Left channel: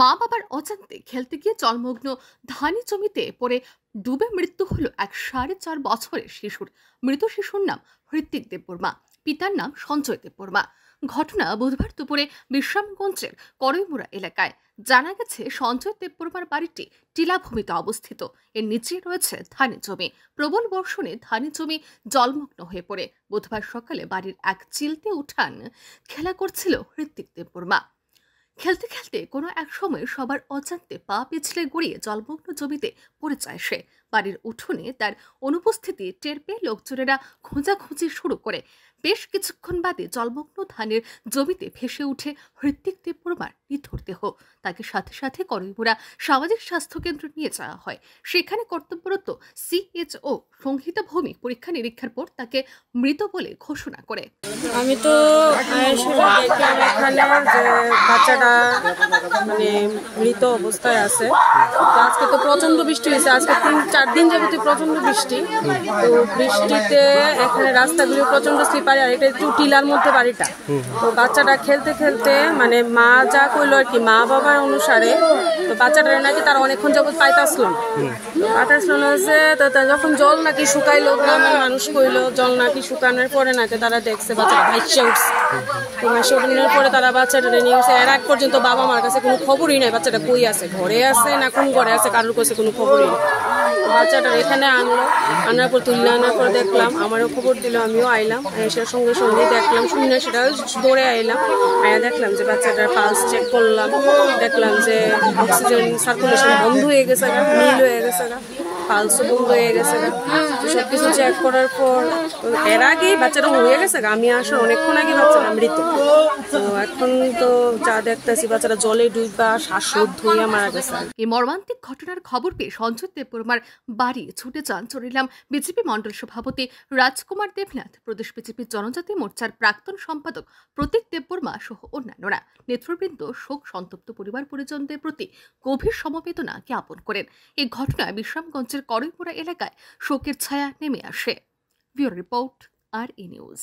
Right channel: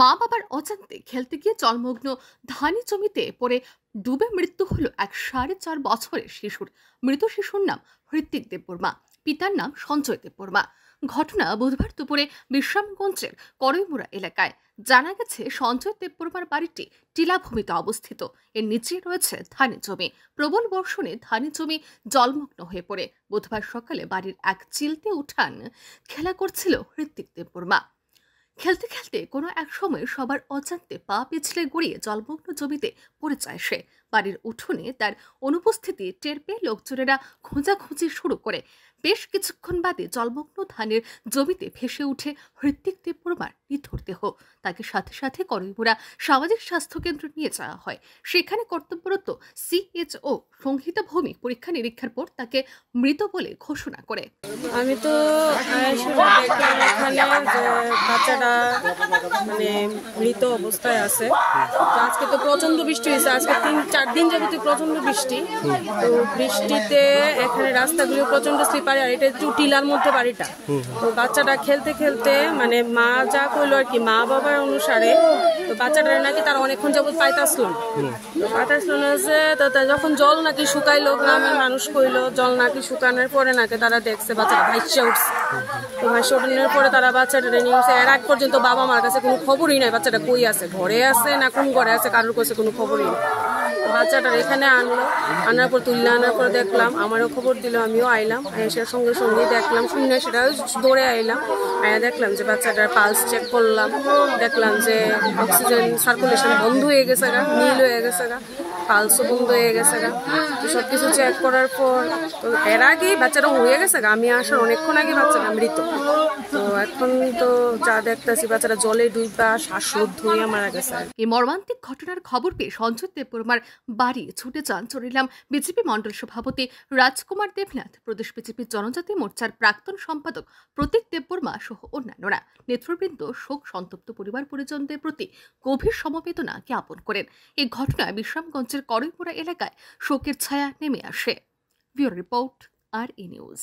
মা বাবার অজান্তে খেলতে গিয়ে জলমগ্ন ধানি জমিতে পড়ে ডুবে মৃত্যু হলো এক 4.5 বছরের শিশুর। মৃত শিশুর নাম হৃত্বিক দেববর্মা, পিতার নাম সঞ্জয় দেববর্মা। ঘটনা বুধবার দুপুরে বিশ্রামগঞ্জের করইমুড়া এলাকায়। জানা গেছে, সঞ্জয় দেববর্মার বাড়িটি টিলাভূমিতে অবস্থিত। এর নিচে রয়েছে ধানি জমি। প্রবল বর্ষণে ধানি জমি জলমগ্ন হয়ে পড়ে বুধবার সকালে বাড়ির এক চিলতে উঠান খেলা করছিল হৃত্বিক দেববর্মা। খেলতে খেলতে কোনো এক সময় সবার অজান্তে পা পিছলে গড়িয়ে জলমগ্ন জমিতে পড়ে যায় সে। বাড়ির উঠোনে তার অনুপস্থিতি টের পেয়ে লোকজনেরা খোঁজাখুঁজি শুরু করে। বেশ কিছুক্ষণ বাদে জলমগ্ন ধানের জমিতে ভেসে উঠে হৃত্বিক দেববর্মার নিথর দেহ। তাকে সাথে সাথে করইমুড়া সামাজিক স্বাস্থ্য কেন্দ্রে নিয়ে যাওয়া হয়। সেখানে কর্তব্যরত সিএইচও সংহিতা ভৌমিক পরীক্ষা নিরীক্ষার পর তাকে মৃত বলে ঘোষণা করে। আমি তো দেখলাম যে বাচ্চাটা মানে মৃত অবস্থায় আছে। তো আজকে তো প্রচন্ড বৃষ্টি হয়েছে, আজকে 3-4 দিন যাবত প্রচন্ড বৃষ্টি। তো বৃষ্টিতে এখানে রাস্তাগুলো প্রচন্ড স্লিপারি, আর এটা একটু টিলার মধ্যে বাড়িটা। তো বাচ্চাটা খেলতে খেলতে মানে মা যা করলো আর কি, মা বাবার অনুসারে তো বাচ্চাটা নাকি তারা অনেকক্ষণ যাবত পাইতাছিল না যে যখন জল নাকি শুকাইলো, গ্রামের মানুষ কইলো জল নাকি শুকানোর পরে নাকি তারা দেখছে বাচ্চাটা ভাইসে উঠছে। তো ভাইসে উঠানোর পরে তারা বাচ্চাটা নিয়ে গেছে। এর আগ পর্যন্ত বাবা মার কাছে কোনো খবরই নাই বাচ্চাটা কই আছে, ঘরে আছে না কোন ঘরে আছে, কারোর কাছে কোনো খবরই নেই। বাচ্চাটা এখানে আনার পর তুললে আনার পর দেখলাম, আমারও খবর দিল, আমিও আইলাম। সেটার সঙ্গে সঙ্গে দেখলাম, শুনে সেটা দৌড়ে আইলাম। দেখলাম যে বাচ্চাটার পালস চেক করলাম, দেখলাম যে অক্সিজেন সার্কুলেশন বন্ধ হয়ে গেছে, নীল হয়ে গেছে, পালস বন্ধ হয়ে গেছে। সবকিছু চেক করার পর এর আগে বাচ্চাটা উড়ে গেছে। আমি আসার অনেকক্ষণ আগে বাচ্চাটা মৃত। তো এখন তো যা দেখতেছি বাচ্চাটা জলে ডুবা শ্বাসরোধ হয়ে মারা গেছে। এই মর্মান্তিক ঘটনার খবর পেয়ে সঞ্জয় দেববর্মার বাড়ি ছুটে যান চরিলাম বিজেপি মণ্ডল সভাপতি রাজকুমার দেবনাথ, প্রদেশ বিজেপি জনজাতি মোর্চার প্রাক্তন সম্পাদক প্রতীক দেববর্মা সহ অন্যান্যরা। নেতৃবৃন্দ শোক সন্তপ্ত পরিবার পরিজনদের প্রতি গভীর সমবেদনা জ্ঞাপন করেন। এই ঘটনায় বিশ্রামগঞ্জের করইমুড়া এলাকায় শোকের ছায়া নেমে আসে। Bureau report, RE news.